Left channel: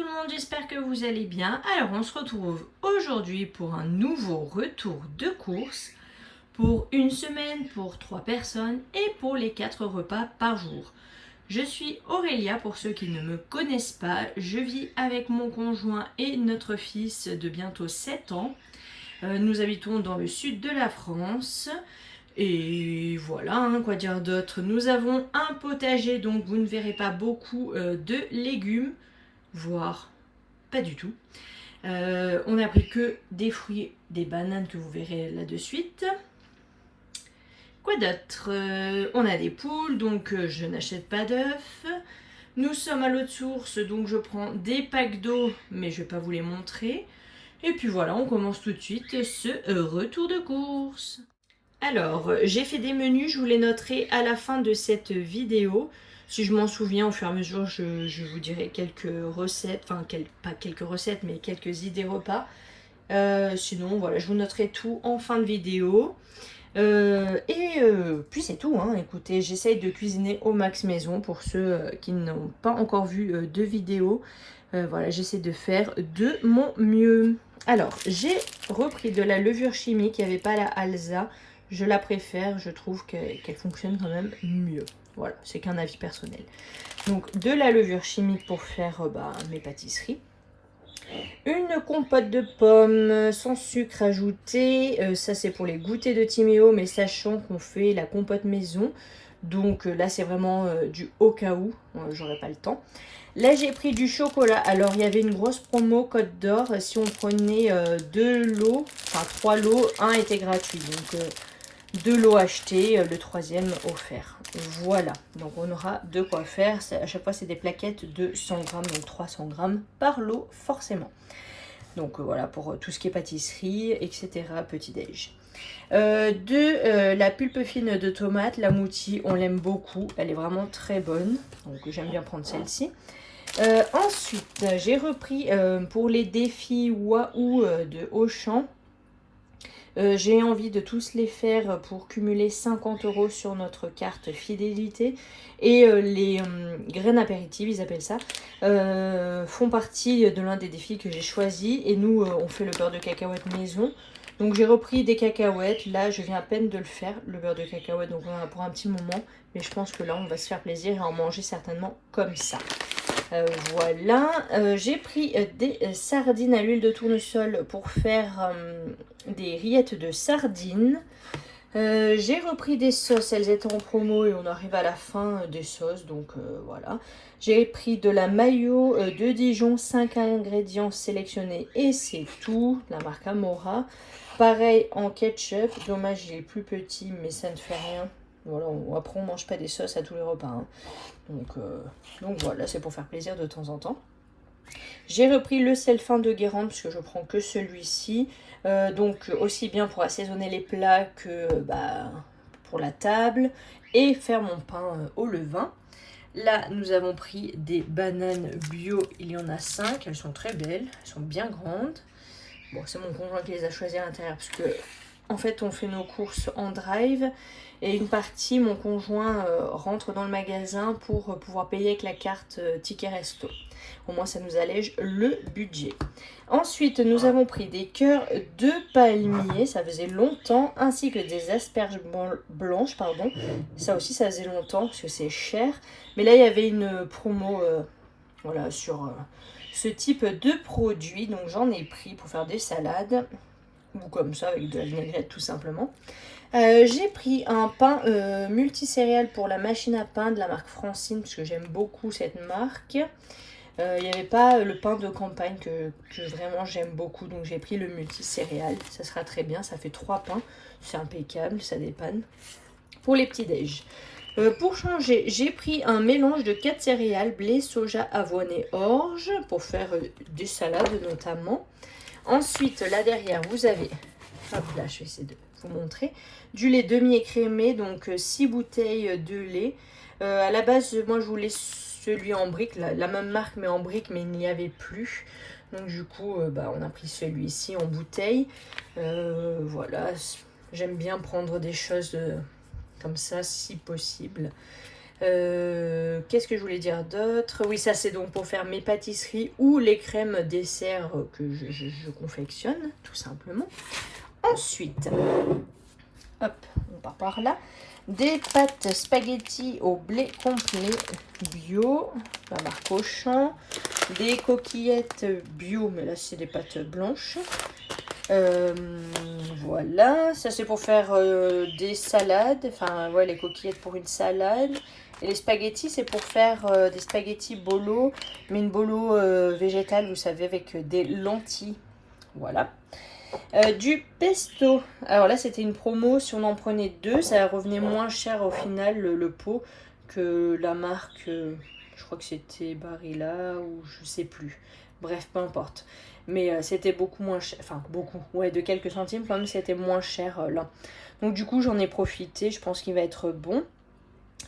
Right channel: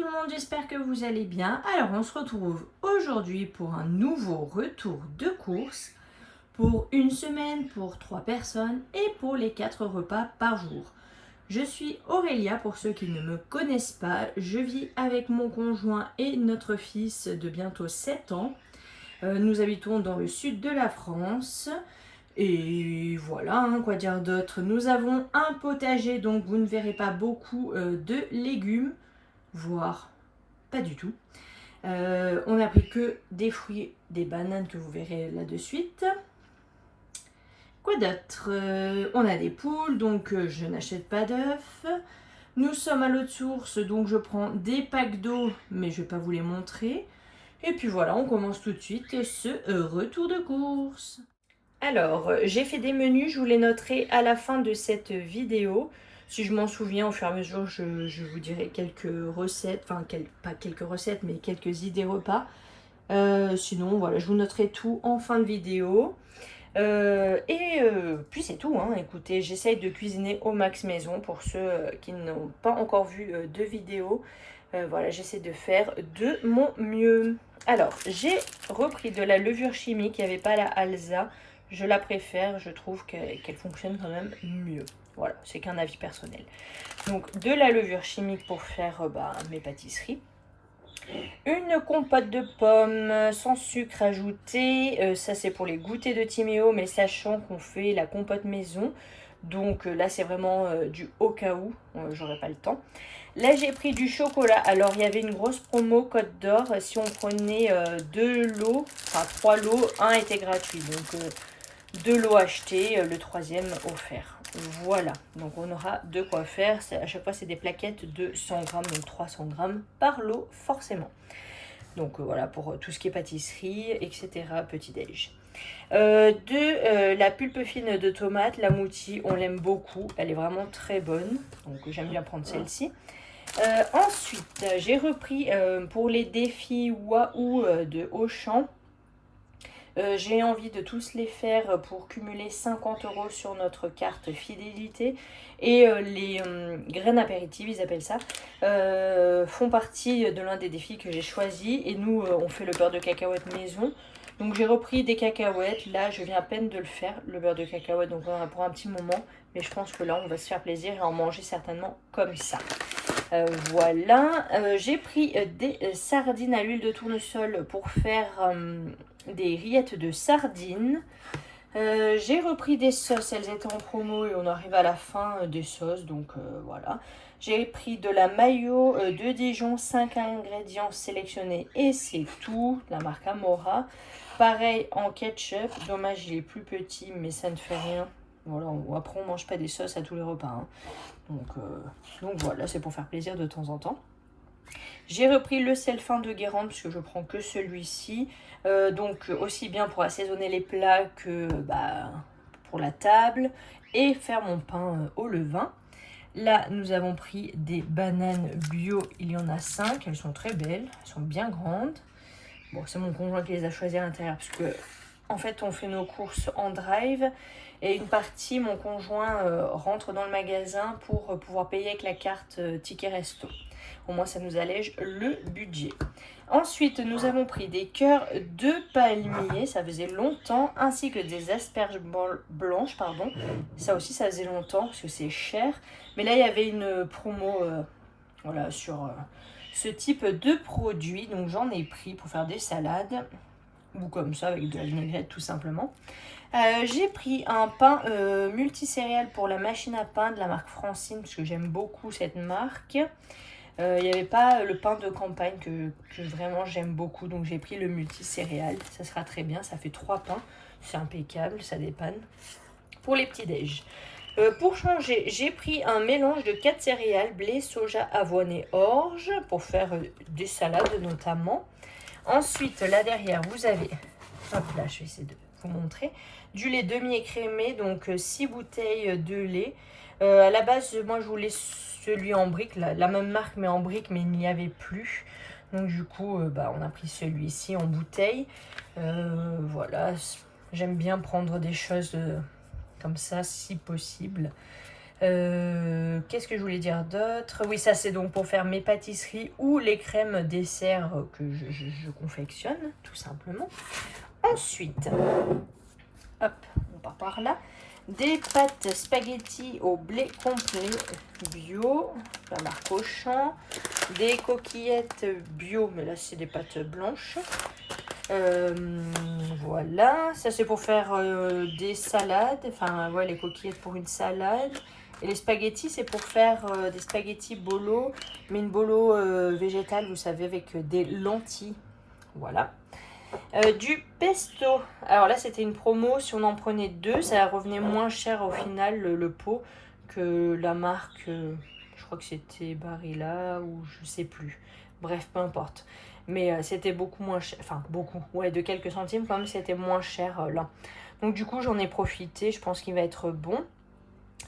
tout le monde, j'espère que vous allez bien. Alors on se retrouve aujourd'hui pour un nouveau retour de course pour une semaine, pour 3 personnes et pour les 4 repas par jour. Je suis Aurélia pour ceux qui ne me connaissent pas. Je vis avec mon conjoint et notre fils de bientôt 7 ans. Nous habitons dans le sud de la France. Et voilà, quoi dire d'autre. Nous avons un potager, donc vous ne verrez pas beaucoup de légumes, voire pas du tout. On n'a pris que des fruits, des bananes que vous verrez là de suite. Quoi d'autre? On a des poules, donc je n'achète pas d'œufs. Nous sommes à l'eau de source, donc je prends des packs d'eau, mais je ne vais pas vous les montrer. Et puis voilà, on commence tout de suite ce retour de course. Alors, j'ai fait des menus, je vous les noterai à la fin de cette vidéo. Si je m'en souviens, au fur et à mesure, je vous dirai quelques recettes, enfin, pas quelques recettes, mais quelques idées repas. Sinon, voilà, je vous noterai tout en fin de vidéo. Puis c'est tout, hein. Écoutez, j'essaye de cuisiner au max maison pour ceux qui n'ont pas encore vu de vidéo. Voilà, j'essaie de faire de mon mieux. Alors, j'ai repris de la levure chimique, il n'y avait pas la Alsa. Je la préfère, je trouve qu'elle fonctionne quand même mieux. Voilà, c'est qu'un avis personnel. Donc, de la levure chimique pour faire mes pâtisseries. Une compote de pommes sans sucre ajouté. Ça, c'est pour les goûters de Timéo, mais sachant qu'on fait la compote maison. Donc là, c'est vraiment du au cas où. J'aurais pas le temps. Là, j'ai pris du chocolat. Alors, il y avait une grosse promo Côte d'Or. Si on prenait 2 lots, enfin 3 lots, un était gratuit. Donc, 2 lots achetés, le 3e offert. Voilà, donc on aura de quoi faire. À chaque fois, c'est des plaquettes de 100 grammes, donc 300 grammes par lot, forcément. Donc voilà, pour tout ce qui est pâtisserie, etc., petit-déj. La pulpe fine de tomate, la mouti, on l'aime beaucoup. Elle est vraiment très bonne, donc j'aime bien prendre celle-ci. Ensuite, j'ai repris pour les défis Wahoo de Auchan. J'ai envie de tous les faire pour cumuler 50 € sur notre carte fidélité. Et les graines apéritives, ils appellent ça, font partie de l'un des défis que j'ai choisi. Et nous, on fait le beurre de cacahuète maison. Donc j'ai repris des cacahuètes. Là, je viens à peine de le faire, le beurre de cacahuète. Donc pour un petit moment. Mais je pense que là, on va se faire plaisir et en manger certainement comme ça. Voilà, j'ai pris des sardines à l'huile de tournesol pour faire des rillettes de sardines. J'ai repris des sauces, elles étaient en promo et on arrive à la fin des sauces, donc voilà. J'ai pris de la mayo de Dijon, 5 ingrédients sélectionnés et c'est tout, la marque Amora. Pareil en ketchup, dommage il est plus petit mais ça ne fait rien. Voilà, après on mange pas des sauces à tous les repas, hein. Donc voilà, c'est pour faire plaisir de temps en temps. J'ai repris le sel fin de Guérande parce que je prends que celui-ci. Donc aussi bien pour assaisonner les plats que pour la table et faire mon pain au levain. Là, nous avons pris des bananes bio, il y en a 5, elles sont très belles, elles sont bien grandes. Bon, c'est mon conjoint qui les a choisies à l'intérieur parce que en fait, on fait nos courses en drive et une partie, mon conjoint rentre dans le magasin pour pouvoir payer avec la carte Ticket Resto. Au moins, ça nous allège le budget. Ensuite, nous avons pris des cœurs de palmier, ça faisait longtemps, ainsi que des asperges blanches, pardon. Ça aussi, ça faisait longtemps parce que c'est cher. Mais là, il y avait une promo voilà, sur ce type de produit. Donc, j'en ai pris pour faire des salades ou comme ça avec de la vinaigrette tout simplement. J'ai pris un pain multicéréales pour la machine à pain de la marque Francine parce que j'aime beaucoup cette marque. Il n'y avait pas le pain de campagne que vraiment j'aime beaucoup, donc j'ai pris le multicéréales. Ça sera très bien, ça fait 3 pains, c'est impeccable, ça dépanne. Pour les petits déj. Pour changer, j'ai pris un mélange de 4 céréales, blé, soja, avoine et orge pour faire des salades notamment. Ensuite, là derrière, vous avez, hop là, je vais essayer de vous montrer, du lait demi-écrémé, donc 6 bouteilles de lait. À la base, moi, je voulais celui en brique, la même marque, mais en brique, mais il n'y avait plus. Donc, du coup, on a pris celui-ci en bouteille. Voilà, j'aime bien prendre des choses comme ça, si possible. Qu'est-ce que je voulais dire d'autre? Oui, ça c'est donc pour faire mes pâtisseries ou les crèmes dessert que je confectionne, tout simplement. Ensuite, hop, on part par là. Des pâtes spaghetti au blé complet bio, la marque Auchan. Des coquillettes bio, mais là c'est des pâtes blanches. Voilà, ça c'est pour faire des salades, enfin ouais, les coquillettes pour une salade. Et les spaghettis, c'est pour faire des spaghettis bolo, mais une bolo végétale, vous savez, avec des lentilles. Voilà. Du pesto. Alors là, c'était une promo. Si on en prenait deux, ça revenait moins cher au final, le pot, que la marque. Je crois que c'était Barilla ou je sais plus. Bref, peu importe. Mais c'était beaucoup moins cher. Enfin, beaucoup. Ouais, de quelques centimes, quand même, c'était moins cher là. Donc, du coup, j'en ai profité. Je pense qu'il va être bon.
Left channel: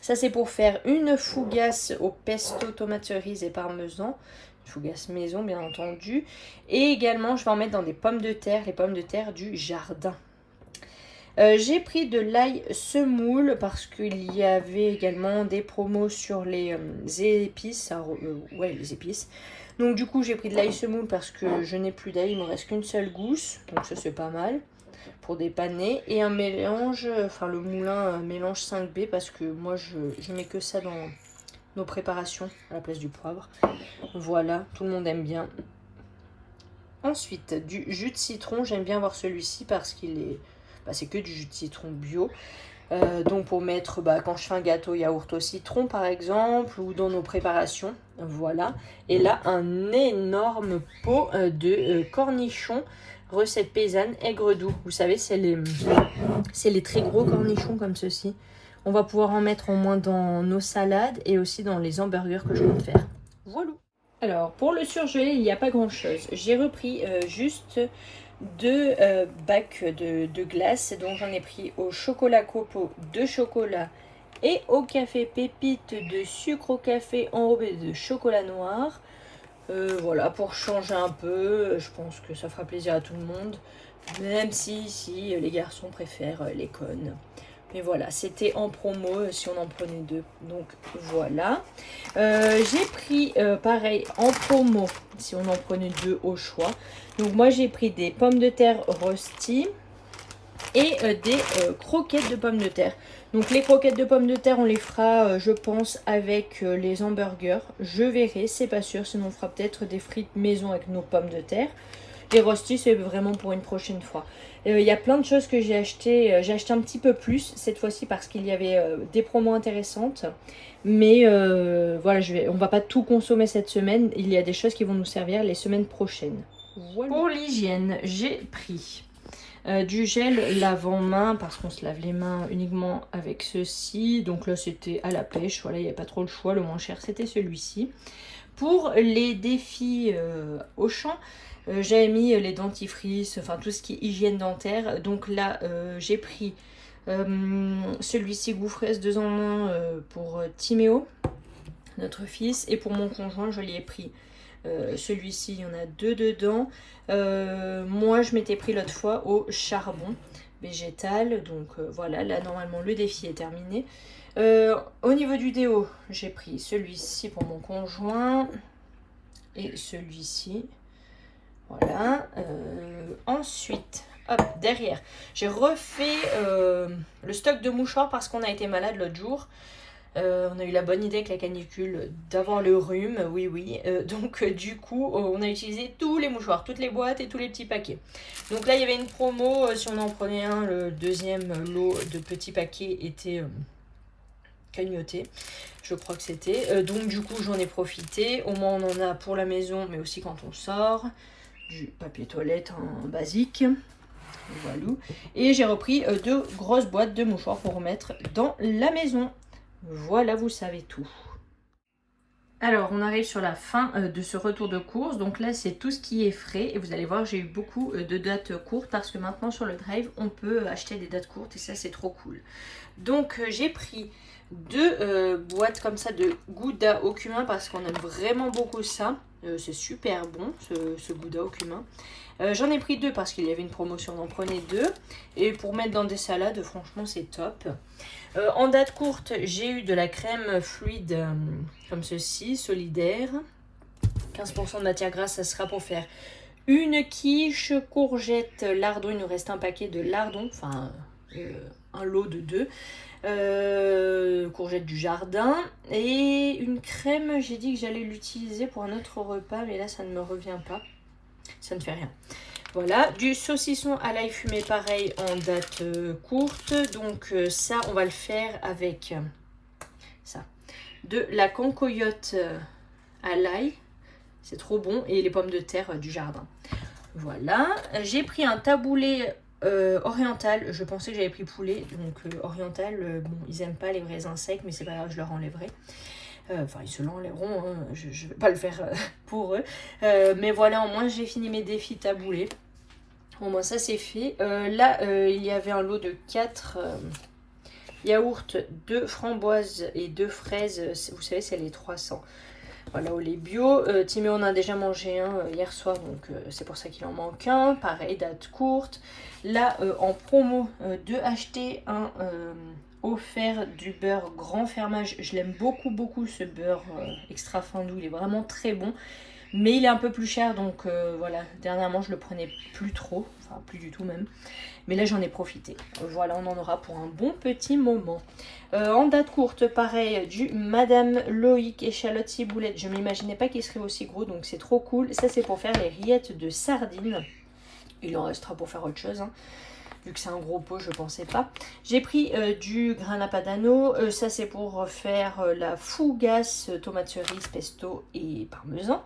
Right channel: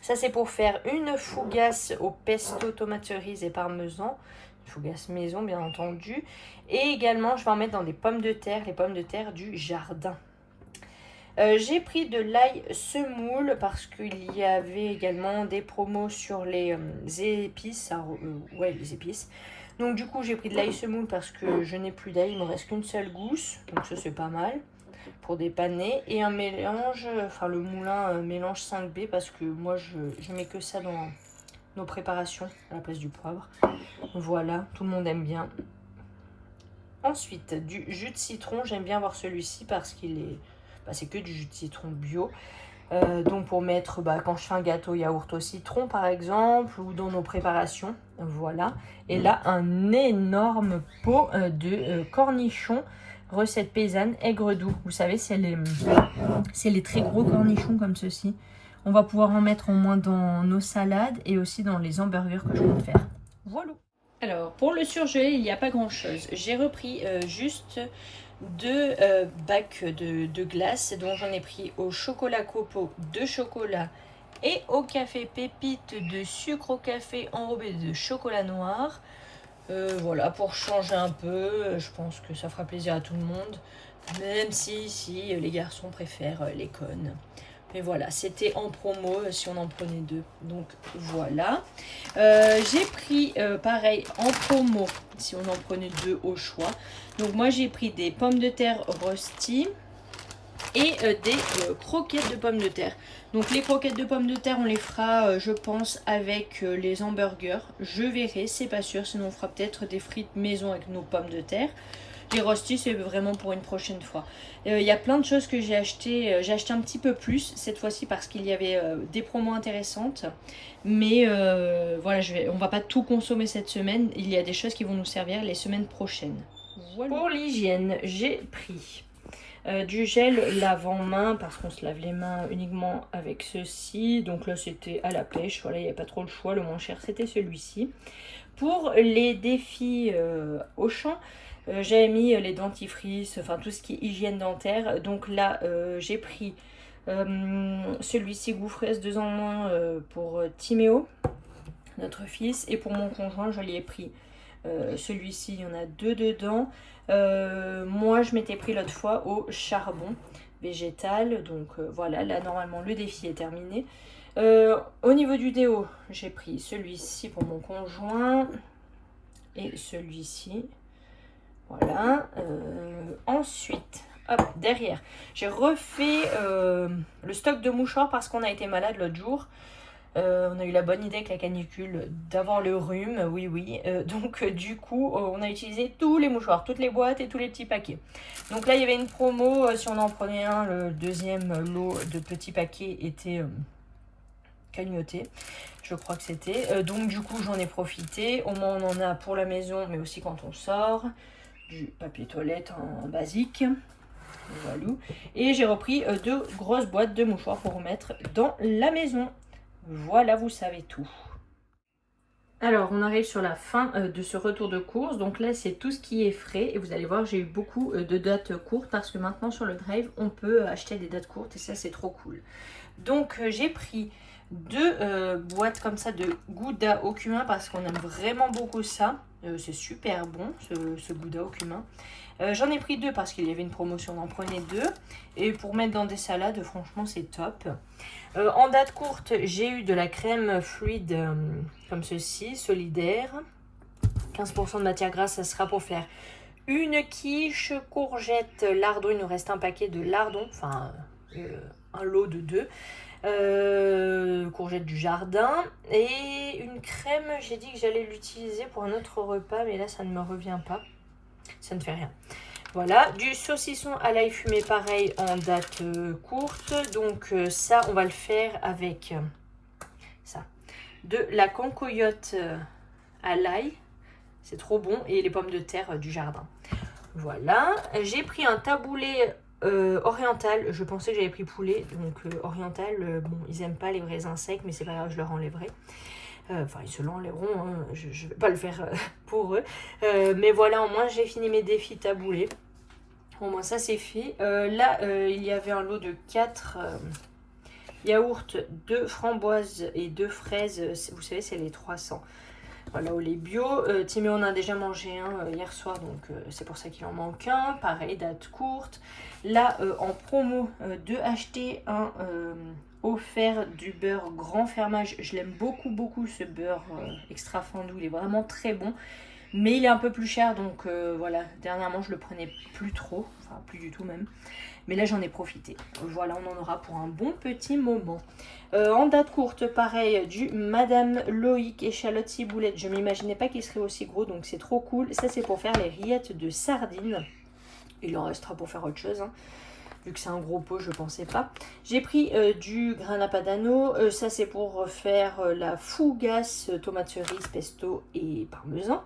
Ça, c'est pour faire une fougasse au pesto, tomate cerise et parmesan. Une fougasse maison, bien entendu. Et également, je vais en mettre dans des pommes de terre, les pommes de terre du jardin. J'ai pris de l'ail semoule parce qu'il y avait également des promos sur les épices. Ouais, les épices. Donc, du coup, j'ai pris de l'ail semoule parce que je n'ai plus d'ail. Il ne me reste qu'une seule gousse. Donc, ça, c'est pas mal pour dépanner. Et un mélange, enfin le moulin mélange 5B parce que moi je mets que ça dans nos préparations à la place du poivre. Voilà, tout le monde aime bien. Ensuite, du jus de citron, j'aime bien avoir celui-ci parce qu'il est, c'est que du jus de citron bio. Donc pour mettre, quand je fais un gâteau yaourt au citron par exemple, ou dans nos préparations, voilà. Et là, un énorme pot de cornichons, recette paysanne, aigre doux. Vous savez, c'est les très gros cornichons comme ceci. On va pouvoir en mettre au moins dans nos salades et aussi dans les hamburgers que je compte faire. Voilà. Alors, pour le surgelé, il n'y a pas grand-chose. J'ai repris juste deux bacs de glace, dont j'en ai pris au chocolat copeaux de chocolat et au café pépite de sucre au café enrobé de chocolat noir. Voilà, pour changer un peu, je pense que ça fera plaisir à tout le monde, même si les garçons préfèrent les cônes. Mais voilà, c'était en promo si on en prenait deux. Donc voilà. J'ai pris pareil en promo si on en prenait deux au choix. Donc moi j'ai pris des pommes de terre rosti et des croquettes de pommes de terre. Donc les croquettes de pommes de terre on les fera je pense avec les hamburgers. Je verrai, c'est pas sûr, sinon on fera peut-être des frites maison avec nos pommes de terre. Les rostis, c'est vraiment pour une prochaine fois. Il y a plein de choses que j'ai acheté. J'ai acheté un petit peu plus cette fois-ci parce qu'il y avait des promos intéressantes. Mais voilà, on va pas tout consommer cette semaine. Il y a des choses qui vont nous servir les semaines prochaines. Voilà. Pour l'hygiène, j'ai pris du gel lave-main parce qu'on se lave les mains uniquement avec ceci. Donc là, c'était à la pêche. Voilà, il n'y a pas trop le choix. Le moins cher, c'était celui-ci. Pour les défis Auchan, j'avais mis les dentifrices, enfin tout ce qui est hygiène dentaire. Donc là, j'ai pris celui-ci Goufresse 2 en 1 pour Timéo, notre fils. Et pour mon conjoint, je lui ai pris celui-ci, il y en a 2 dedans. Moi, je m'étais pris l'autre fois au charbon végétal. Donc voilà, là, normalement, le défi est terminé. Au niveau du déo, j'ai pris celui-ci pour mon conjoint. Et celui-ci. Voilà. Ensuite, hop, derrière, j'ai refait le stock de mouchoirs parce qu'on a été malade l'autre jour. On a eu la bonne idée avec la canicule d'avoir le rhume, oui. Donc du coup, on a utilisé tous les mouchoirs, toutes les boîtes et tous les petits paquets. Donc là, il y avait une promo. Si on en prenait un, le deuxième lot de petits paquets était cagnoté. Je crois que c'était. Donc du coup, j'en ai profité. Au moins, on en a pour la maison, mais aussi quand on sort. Du papier toilette en basique. Voilà. Et j'ai repris 2 grosses boîtes de mouchoirs pour remettre dans la maison. Voilà, vous savez tout. Alors, on arrive sur la fin de ce retour de course. Donc là, c'est tout ce qui est frais. Et vous allez voir, j'ai eu beaucoup de dates courtes parce que maintenant, sur le Drive, on peut acheter des dates courtes et ça, c'est trop cool. Donc, j'ai pris 2 boîtes comme ça de Gouda au cumin parce qu'on aime vraiment beaucoup ça. C'est super bon ce gouda au cumin. J'en ai pris 2 parce qu'il y avait une promotion, on en prenait 2. Et pour mettre dans des salades, franchement c'est top. En date courte, j'ai eu de la crème fluide comme ceci, solidaire. 15% de matière grasse, ça sera pour faire une quiche, courgette, lardon. Il nous reste un paquet de lardons, enfin un lot de 2. Courgette du jardin. Et une crème, j'ai dit que j'allais l'utiliser pour un autre repas, mais là ça ne me revient pas. Ça ne fait rien. Voilà, du saucisson à l'ail fumé, pareil, en date courte. Donc ça, on va le faire avec ça. De la cancoyote à l'ail. C'est trop bon. Et les pommes de terre du jardin. Voilà. J'ai pris un taboulé oriental. Je pensais que j'avais pris poulet. Donc oriental, bon, ils n'aiment pas les raisins secs, mais c'est pas grave, je leur enlèverai. Enfin, ils se l'enlèveront, hein. Je ne vais pas le faire pour eux. Mais voilà, au moins j'ai fini mes défis taboulés. Au moins ça c'est fait. Là, il y avait un lot de 4 yaourts, 2 framboises et 2 fraises. Vous savez, c'est les 300. Voilà, au lait bio. Timéo en a déjà mangé un hier soir, donc c'est pour ça qu'il en manque un. Pareil, date courte. Là, en promo, de acheter un offert du beurre grand fermage. Je l'aime beaucoup, beaucoup ce beurre extra fin doux. Il est vraiment très bon. Mais il est un peu plus cher, donc voilà. Dernièrement, je le prenais plus trop. Enfin, plus du tout même. Mais là, j'en ai profité. Voilà, on en aura pour un bon petit moment. En date courte, pareil, du Madame Loïc échalote ciboulette. Je ne m'imaginais pas qu'il serait aussi gros, donc c'est trop cool. Ça, c'est pour faire les rillettes de sardines. Il en restera pour faire autre chose, hein. Vu que c'est un gros pot, je ne pensais pas. J'ai pris du grana padano. Ça, c'est pour faire la fougasse, tomate cerise, pesto et parmesan.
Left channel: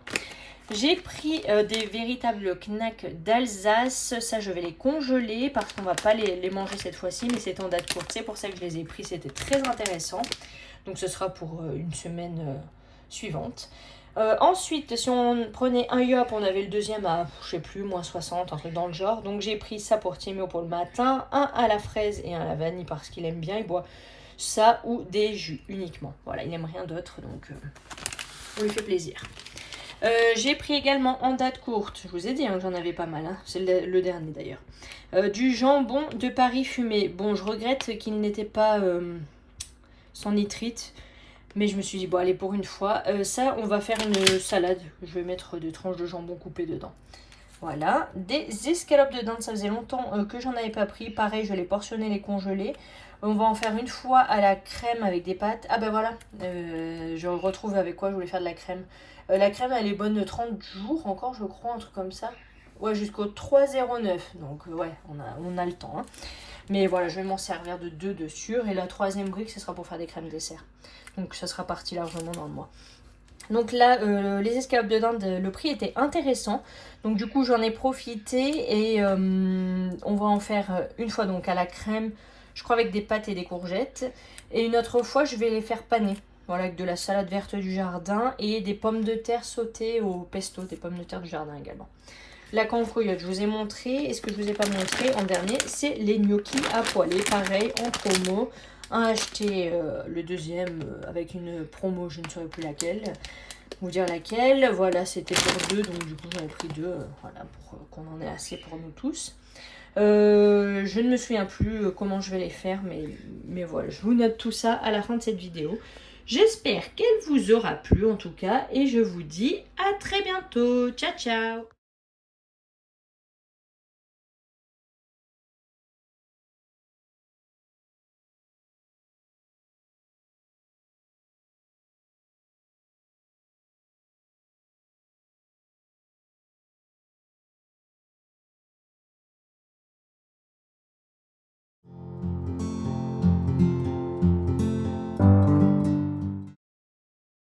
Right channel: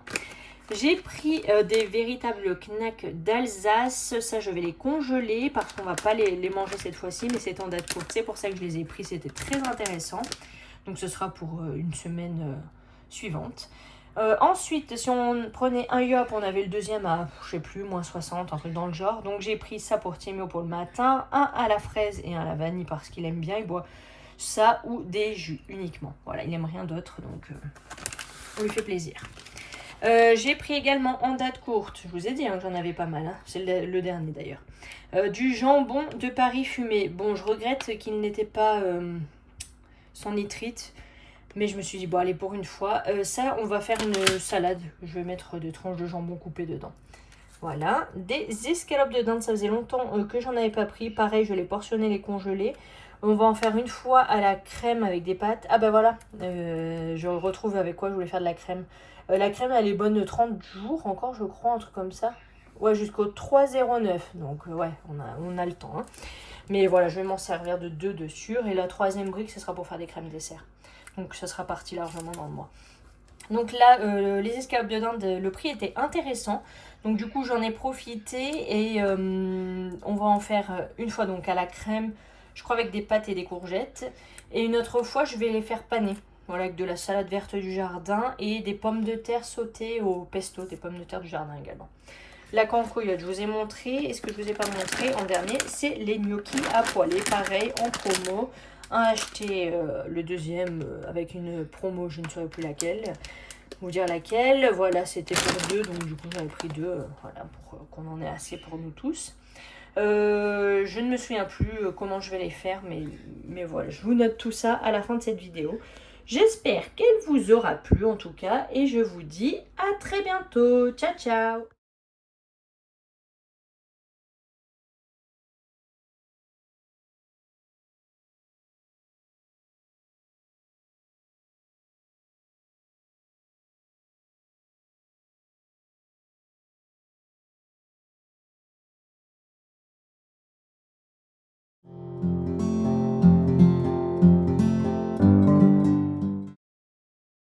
J'ai pris des véritables knacks d'Alsace. Ça, je vais les congeler parce qu'on ne va pas les manger cette fois-ci. Mais c'est en date courte. C'est pour ça que je les ai pris. C'était très intéressant. Donc, ce sera pour une semaine suivante. Ensuite, si on prenait un yop, on avait le deuxième à, je sais plus, moins 60, un truc dans le genre. Donc, j'ai pris ça pour Timéo pour le matin. Un à la fraise et un à la vanille parce qu'il aime bien. Il boit ça ou des jus uniquement. Voilà, il n'aime rien d'autre. Donc, on lui fait plaisir. J'ai pris également en date courte, je vous ai dit hein, que j'en avais pas mal, hein. C'est le dernier d'ailleurs, du jambon de Paris fumé. Bon, je regrette qu'il n'était pas sans nitrite, mais je me suis dit, bon allez pour une fois, ça on va faire une salade, je vais mettre des tranches de jambon coupées dedans. Voilà, des escalopes de dinde, ça faisait longtemps que j'en avais pas pris, pareil je les portionnais, les congelés. On va en faire une fois à la crème avec des pâtes. Ah ben voilà, je retrouve avec quoi je voulais faire de la crème. La crème elle est bonne 30 jours encore je crois, un truc comme ça. Ouais, jusqu'au 3,09. Donc ouais, on a le temps, hein. Mais voilà, je vais m'en servir de 2 de sûr. Et la troisième brique, ce sera pour faire des crèmes dessert. Donc ça sera parti largement dans le mois. Donc là, les escalopes de dinde, le prix était intéressant. Donc du coup, j'en ai profité. Et on va en faire une fois donc à la crème, je crois avec des pâtes et des courgettes. Et une autre fois, je vais les faire paner. Voilà, avec de la salade verte du jardin et des pommes de terre sautées au pesto, des pommes de terre du jardin également. La cancoyote, je vous ai montré. Et ce que je ne vous ai pas montré en dernier, c'est les gnocchis à poêler. Pareil, en promo. Un acheté, le deuxième avec une promo, je ne saurais plus laquelle. Vous dire laquelle. Voilà, c'était pour 2. Donc du coup, j'en ai pris 2. Voilà, pour qu'on en ait assez pour nous tous. Je ne me souviens plus comment je vais les faire. Mais voilà, je vous note tout ça à la fin de cette vidéo. J'espère qu'elle vous aura plu en tout cas. Et je vous dis à très bientôt. Ciao, ciao.